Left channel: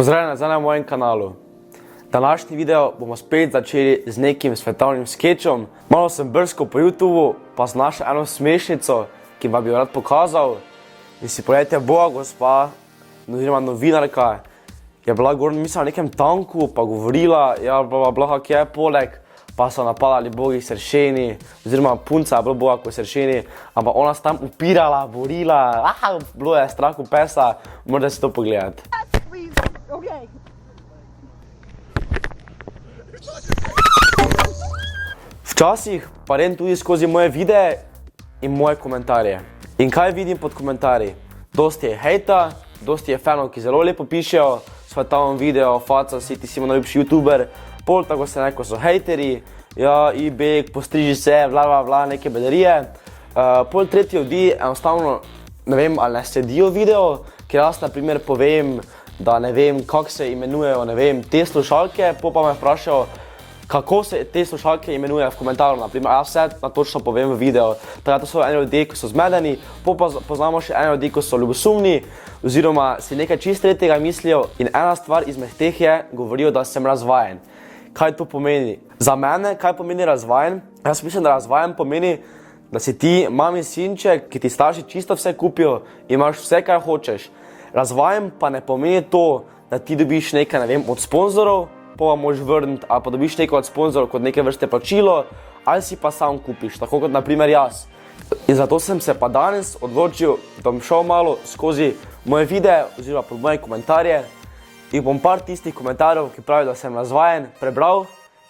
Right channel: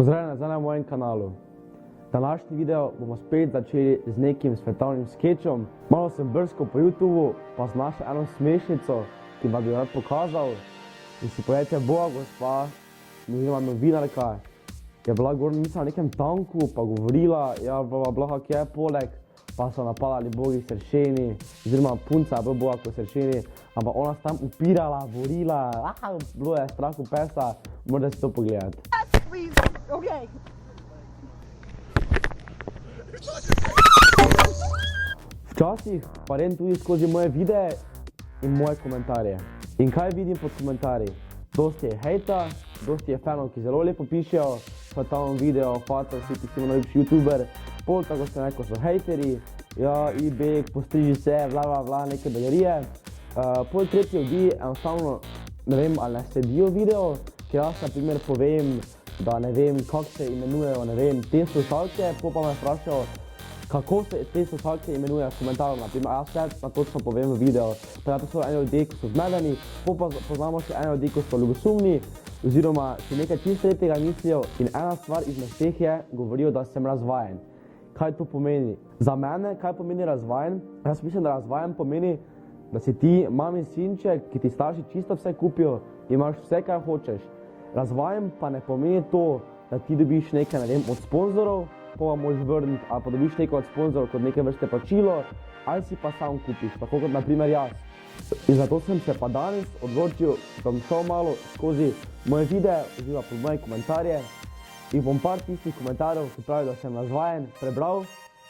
Pozdravljeni nazaj na mojem kanalu. Današnji video bomo spet začeli z nekim svetovnim skečom. Malo sem brskal po YouTubeu, pa sem našel eno smešnico, ki vam bi jo rad pokazal. In si pogledajte, boga gospa, oziroma novinarka, je bila gor, mislim, na nekem tanku, pa govorila, ja, bla, kak je poleg, pa so napadali bogi sršeni, oziroma punca je bila boga kot sršeni, ampak ona se tam upirala, borila, bilo je strah v pesa, morate si to pogledati. Okay. Včasih pa grem tudi skozi moje videe in moje komentarje. In kaj vidim pod komentarji? Dosti je hejta, dosti je fanov, ki zelo lepo pišejo, svetovno video, faca si, ti si najljubši youtuber, pol tako se neko so hejteri, ja, ibek, postriži se, bla, neke bedarije. Pol tretji ljudi enostavno, ne vem, ali ne sledijo video, ker jaz na primer povem, da ne vem, kako se imenujejo, ne vem, te slušalke, pa me vprašajo, kako se te slušalke imenuje v komentarju, naprimer, jaz vse točno povem v videu. Tako to so eni ljudje, ki so zmedeni, pa poznamo še eni ljudje, ki so ljubosumni, oziroma si nekaj čist tretjega mislijo in ena stvar izmed teh je, govorijo, da sem razvajen. Kaj to pomeni? Za mene, kaj pomeni razvajen? Jaz mislim, da razvajen pomeni, da si ti mami sinček, ki ti starši čisto vse kupijo, imaš vse, kar hočeš. Razvajen pa ne pomeni to, da ti dobiš nekaj, ne vem, od sponzorov, pa moraš vrniti, ali pa dobiš nekaj od sponzorov kot neke vrste plačilo, ali si pa sam kupiš, tako kot na primer jaz. In zato sem se pa danes odločil, da bom šel malo skozi moje videe, oziroma pod moje komentarje, in bom par tistih komentarjev, ki pravijo, da sem razvajen, prebral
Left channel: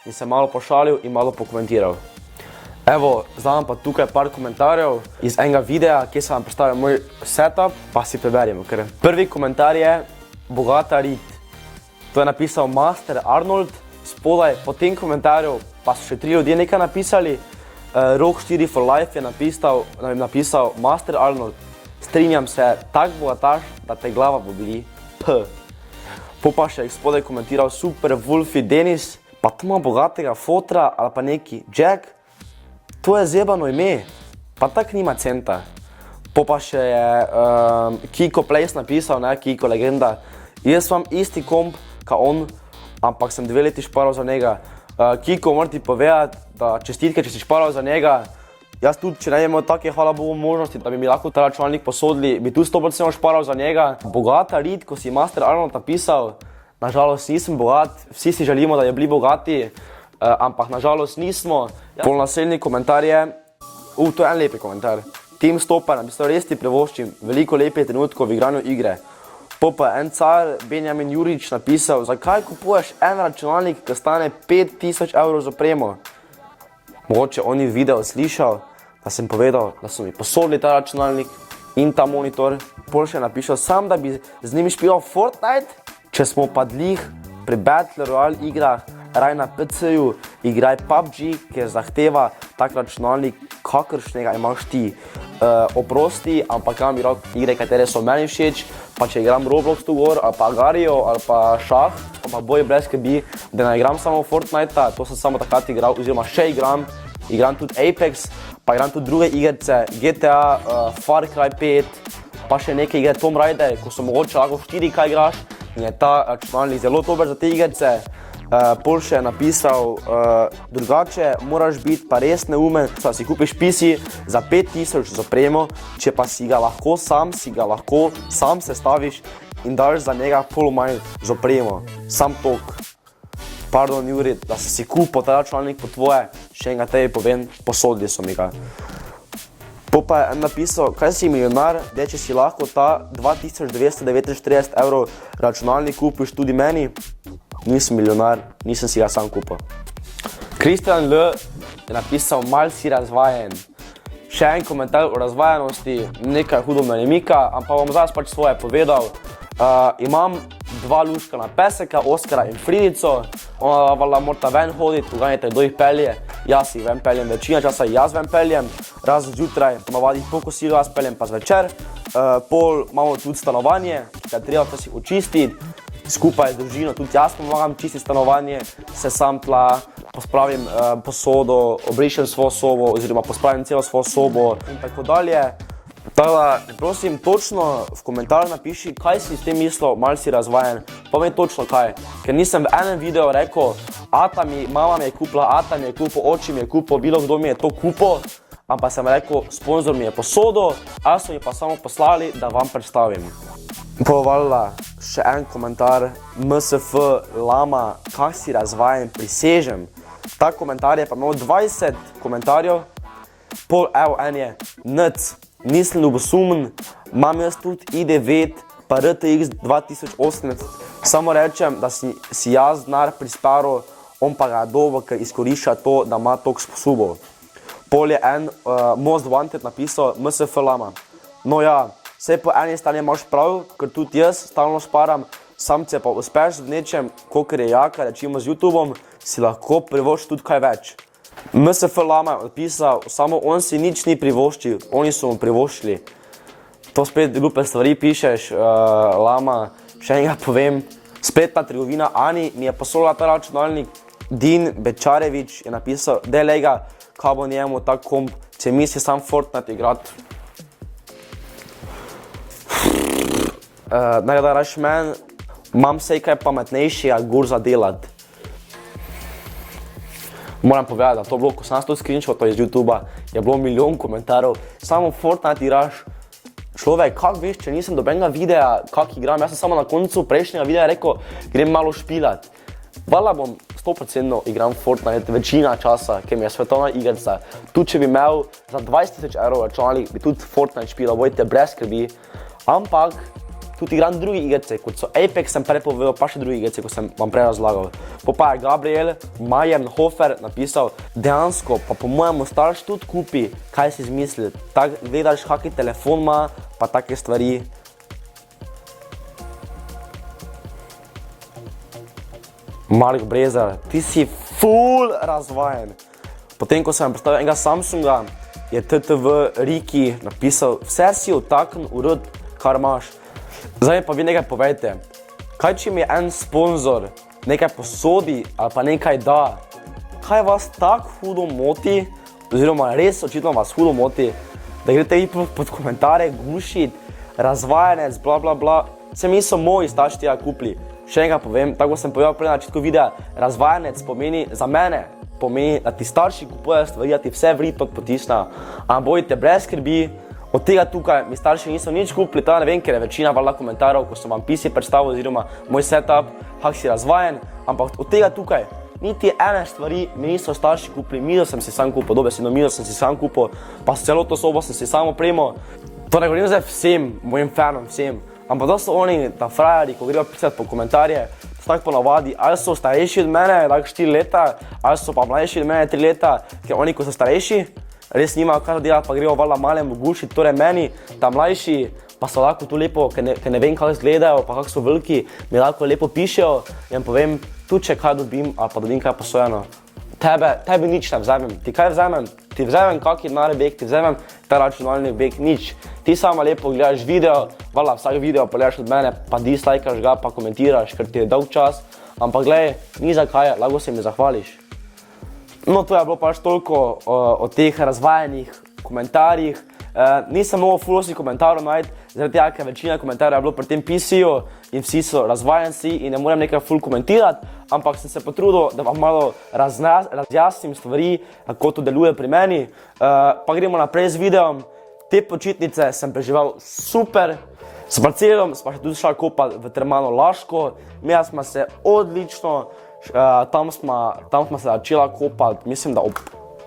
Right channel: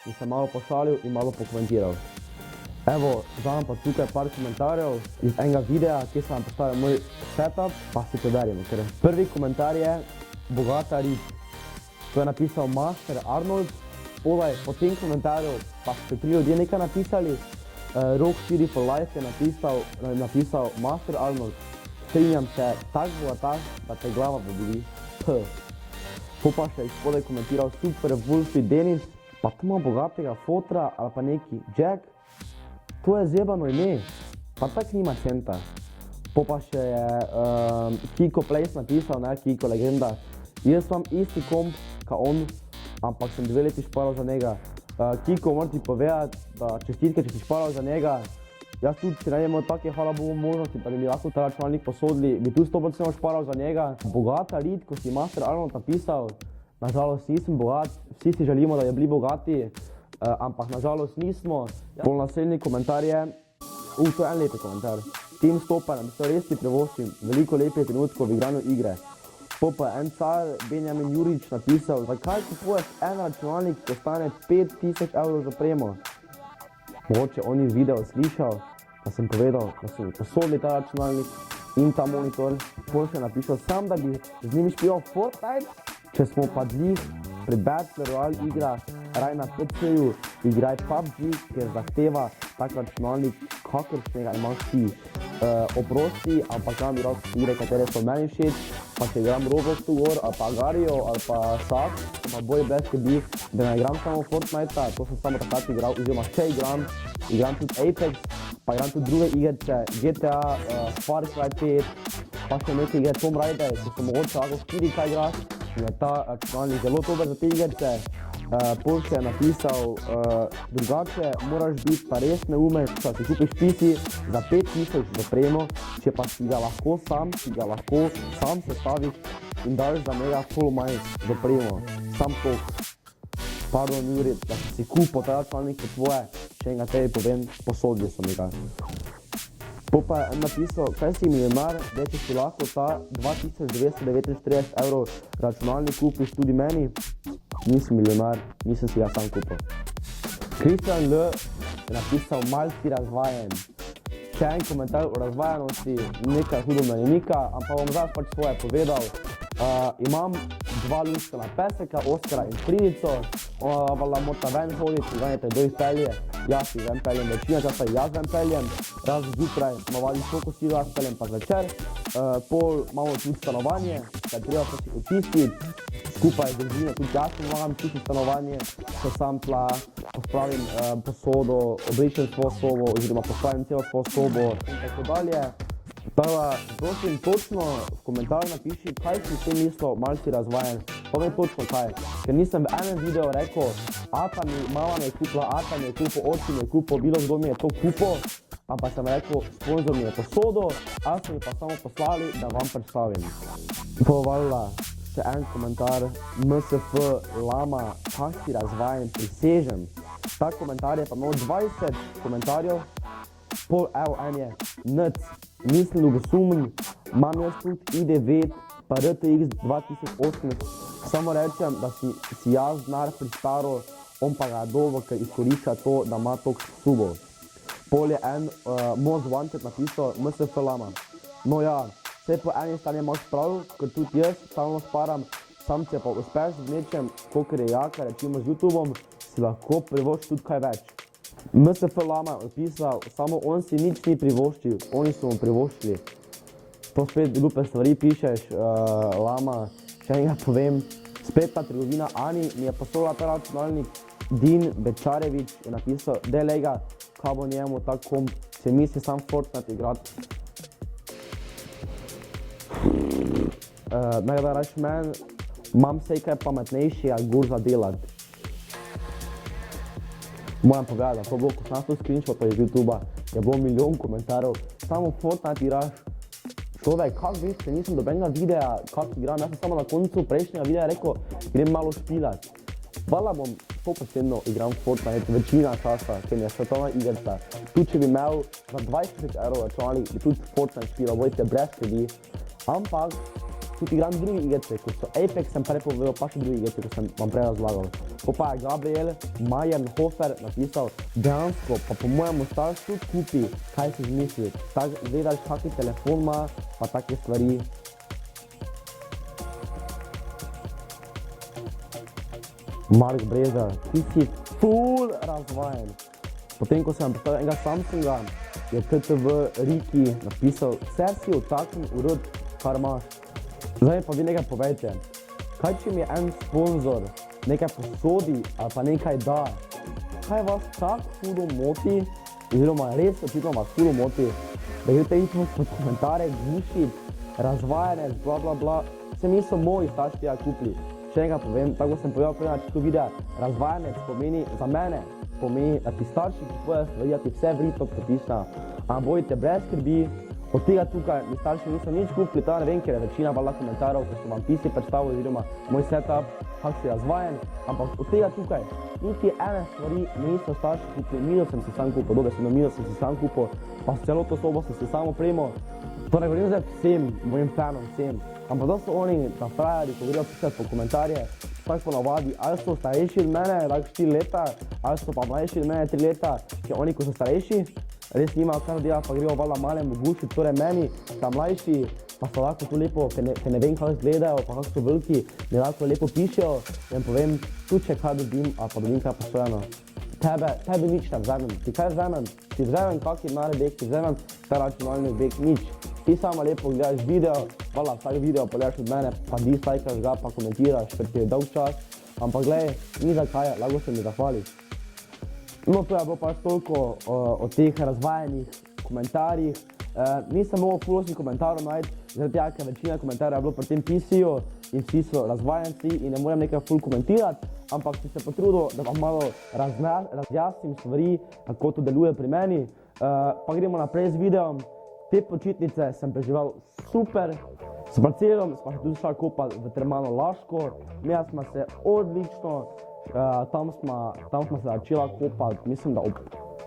in se malo pošalil in malo pokomentiral. Evo, zdaj vam pa tukaj par komentarjev iz enega videa, kjer sem vam predstavil moj setup, pa si preberimo. Prvi komentar je Bogata Rit. To je napisal Master Arnold. Spodaj po tem komentarju pa so še 3 ljudje nekaj napisali. Rock 4 for Life je napisal Master Arnold. Strinjam se, tak bogataš, da te glava boli. Po pa še spodaj komentiral Super Wolfie Denis. Pa tu ima bogatega fotra ali pa neki Jack. To je zebano ime, pa tak nima centa. Po pa še je Kiko Place napisal, ne, Kiko legenda. Jaz imam isti komp, ka on, ampak sem 2 leti šparal za njega. Kiko, moram ti povedati, da čestitke, če si šparal za njega. Jaz tudi, če ne imel take, hvala Bogu, možnosti, da bi mi lahko ta računalnik posodili, bi tu 100% šparal za njega. Bogata Rit, ko si Master Arnold napisal, nažalost nisem bogat, vsi si želimo, da je bili bogati, ampak nažalost nismo. Pol naslednji komentar je, to je en lepi komentar. Tim Stopper napisal, res ti privoščim veliko lepih trenutkov v igranju igre. Po pa en car, Benjamin Jurič, napisal, zakaj kupuješ en računalnik, ki stane 5000 evrov za opremo? Mogoče on je video slišal, da sem povedal, da so mi posodili ta računalnik in ta monitor. Pol še napišel, sam da bi z njimi špilal Fortnite, če smo pa dlih pri Battle Royale igrah, raj na PC-ju, igraj PUBG, ker zahteva tak računalnik, kakršnega imaš ti. Oprosti, ampak imam igre, katere so meni všeč, pa če igram Roblox tu gor, ali pa Agario, ali pa šah, pa boj brez skrbi, da ne igram samo Fortnite-a, to sem samo takrat igral, oziroma še igram tudi Apex, pa igram tudi druge igrce, GTA, Far Cry 5, pa še neke igre Tomb Raider, ko so mogoče lahko 4K igraš, in je ta računalnik zelo dober za te igrce. Pol še je napisal, drugače moraš biti pa res neumen, da si kupiš PC za 5000 za opremo, če pa si ga lahko sam sestaviš in daš za njega pol manj za opremo. Sam tok. Pardon, Juri, da si kupil ta računalnik po tvoje, še enega tebi povem, posodili so mi ga. Po pa je napisal, kaj si milijonar, da če si lahko ta 2949 evrov računalnik kupiš tudi meni, nisem milijonar, nisem si ga sam kupil. Kristjan L. je napisal, mal si razvajen. Še en komentar o razvajenosti, nekaj hudo me ne mika, ampak bom zdaj pač svoje povedal. Imam 2 luškana peseka, Oskara in Fridico. Ona morata ven hoditi, uganjajte, kdo jih pelje. Jaz jih ven peljem, večina časa jaz ven peljem. Razen zjutraj, navadi po kosilu jaz peljem pa zvečer. Pol imamo tudi stanovanje, kaj treba pa si očistiti. Skupaj z družino, tudi jaz pomagam čistiti stanovanje, se sam tla, pospravim posodo, obrišem svojo sobo, oziroma pospravim celo svojo sobo in tako dalje. Tako da, prosim, točno v komentarju napiši, kaj si s tem mislil, malo si razvajen, povej točno kaj. Ker nisem v enem videu rekel, mama mi je kupila, ata mi je kupil, oči mi je kupil, bilo kdo mi je to kupil, ampak sem rekel, sponzor mi je posodil, a so mi pa samo poslali, da vam predstavim. Povalila še en komentar, MSF Lama, kak si razvajen, prisežem. Ta komentar je pa imel 20 komentarjev, evo en je, NC, nisem ljubosumen, imam jaz tudi i9 pa RTX 2018, samo rečem, da si jaz denar prisparil, on pa ga dobo, ker izkorišča to, da ima toliko sposobov. Pol je en Most Wanted napisal MSF Lama. No ja, vse po eni strani imaš prav, ker tudi jaz stalno šparam, sam če pa uspeš z nečem, kakor je jaka, rečimo z YouTubeom, si lahko privošči tudi kaj več. MSF Lama je odpisal, samo on si nič ni privoščil, oni so mu privoščili. To spet glupe stvari pišeš, Lama, še enega povem, spletna trgovina Ani mi je poslala ta računalnik, Din Bečarevič je napisal, delej ga, kaj bo njemu tak komp, če misli sam Fortnite igrat. Nekaj raš men, imam sej kaj pametnejšega gor za delat. Moram povedati, da to bilo, ko sem nas to screenshotov iz YouTubea, je bilo milijon komentarjev, samo Fortnite igraš. Človek, kak veš, če nisem dobenega videa, kak igram, jaz sem samo na koncu prejšnjega videa rekel, grem malo špilat. Hvala bom 100% igram Fortnite večina časa, ker mi je svetovna igrica. Tudi če bi imel za 20 000 € računalnik, bi tudi Fortnite špilal, bojte brez skrbi. Ampak tudi igram druge igrice, kot so Apex, sem prej povedal, pa še druge igrice, kot sem vam prej razlagal. Pa je Gabriel Majenhofer napisal, dejansko pa po mojemu starš tudi kupi, kaj si izmislil. Tak gledaš, kaki telefon ima, pa take stvari. Mark Brezer, ti si ful razvajen. Potem, ko sem predstavil enega Samsunga, je TTV Riki napisal, vse si otakn urod, kar imaš. Zdaj pa vi nekaj povejte, kaj če mi en sponzor nekaj posodi ali pa nekaj da, kaj vas tako hudo moti, oziroma res očitno vas hudo moti, da greste vi pod komentarje gušit, razvajanec, bla bla bla, se mi so moji starši tega kupili. Še enega povem, tako sem povedal prej na začetku videa, razvajanec pomeni za mene, pomeni, da ti starši kupujejo stvari, da ti vse vrit potisnejo, a bojite brez skrbi. Od tega tukaj mi starši niso nič kupili, ta ne vem, ker je večina valjda komentarjev, ko sem vam PC predstavil oziroma moj setup, kak si razvajen, ampak od tega tukaj niti ene stvari mi niso starši kupili, mizo sem si sam kupil, dobesedno mizo sem si sam kupil, pa celo to sobo sem si sam opremo. To ne govorim zdaj vsem, mojim fanom, vsem, ampak to so oni, ta frajeri, ko grejo pisati po komentarje, so tako ponavadi, ali so starejši od mene, tako 4 leta, ali so pa mlajši od mene 3 leta, ker oni, ko so starejši, res nimajo kaj delati, pa grejo valjda malemu gušit, torej meni, ta mlajši, pa so lahko tu lepo, ker ne vem, kako izgledajo, pa kako so veliki, mi lahko lepo pišejo in povem, tudi če kaj dobim, ali pa dobim kaj posojeno. Tebi nič ne vzamem, ti kaj vzamem? Ti vzamem kaki denar beg, ti vzamem ta računalnik beg, nič. Ti samo lepo gledaš video, valjda vsak video pogledaš od mene, pa dislajkaš ga, pa komentiraš, ker ti je dolg čas, ampak glej, ni za kaj, lahko se mi zahvališ. No, to je bilo pač toliko o teh razvajenih komentarjih. Nisem mogel fulosti komentarjev najti, zaradi tega, ker večina komentarjev je bilo pri tem PC-ju in vsi so razvajenci in ne morem nekaj ful komentirati, ampak sem se potrudil, da vam malo razjasnim stvari, kako to deluje pri meni. Pa gremo naprej z videom. Te počitnice sem preživel super. S parcelom smo še tudi šli kopati v termano Laško. Imeli smo se odlično. Tam smo se začela kopati, mislim, da ob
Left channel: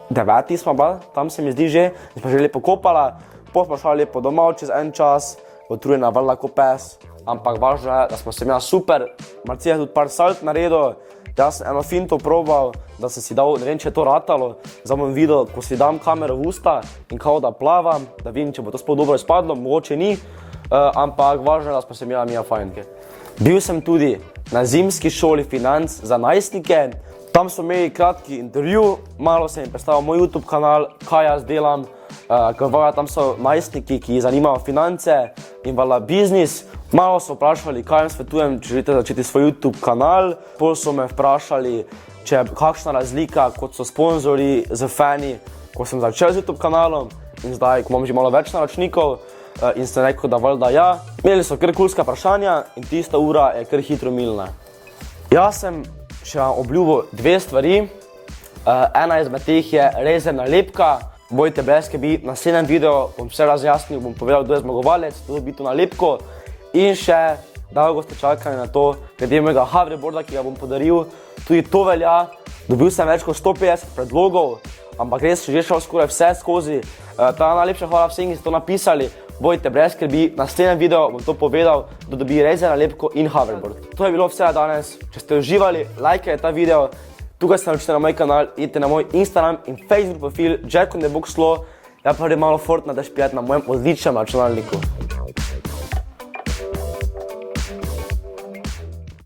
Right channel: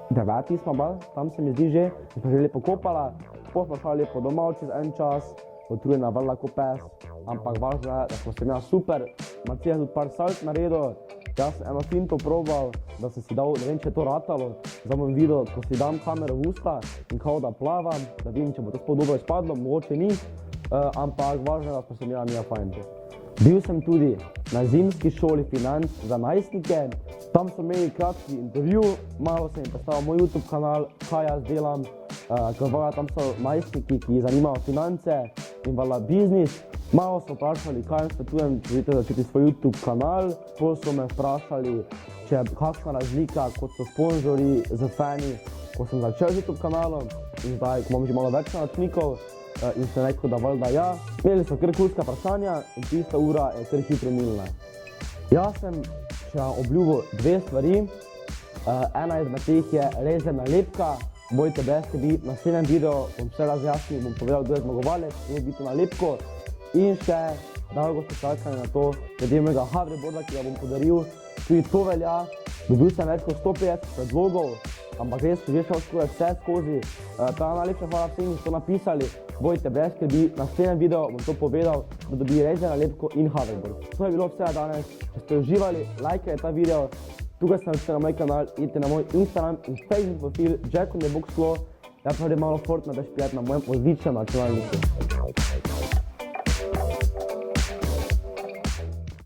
9. smo bili, tam se mi zdi že, smo že lepo kopala, potem smo šli lepo domov čez en čas, utrujena vrla ko pes, ampak važno je, da smo se imeli super, Marcija je tudi par salt naredil, jaz sem eno finto probal, da sem si dal, ne vem, če je to ratalo, zdaj bom videl, ko si dam kamero v usta in kao da plavam, da vidim, če bo to sploh dobro izpadlo, mogoče ni, ampak važno je, da smo se imeli fajn. Bil sem tudi na zimski šoli financ za najstnike, tam so imeli kratki intervju, malo sem jim predstavil moj YouTube kanal, kaj jaz delam, ker tam so najstniki, ki jih zanimajo finance in valjda biznis. Malo so vprašali, kaj jim svetujem, če želite začeti svoj YouTube kanal, potem so me vprašali, če je kakšna razlika, kot so sponzorji z fani, ko sem začel z YouTube kanalom in zdaj, ko imam že malo več naročnikov. in sem rekel, da valjda ja. Imeli so kar kulska vprašanja in tista ura je kar hitro minila. Jaz sem še vam obljubil dve stvari. Ena izmed teh je Razer nalepka. Bojte brez skrbi, na naslednjem videu bom vse razjasnil, bom povedal, kdo je zmagovalec, kdo dobi to nalepko. In še dolgo ste čakali na to, glede mojega hoverboarda, ki ga bom podaril. Tudi to velja. Dobil sem več kot 150 predlogov, ampak res že šel skoraj vse skozi. Ta najlepša hvala vsem, ki ste to napisali. Bojte brez skrbi, na naslednjem videu bom to povedal, da dobi Razer nalepko in hoverboard. To je bilo vse danes. Če ste uživali, lajkajte ta video. Tukaj se naročite na moj kanal, idite na moj Instagram in Facebook profil Jack on the Box Slow. Ja pa grem malo Fortnite špijati na mojem odličnem računalniku.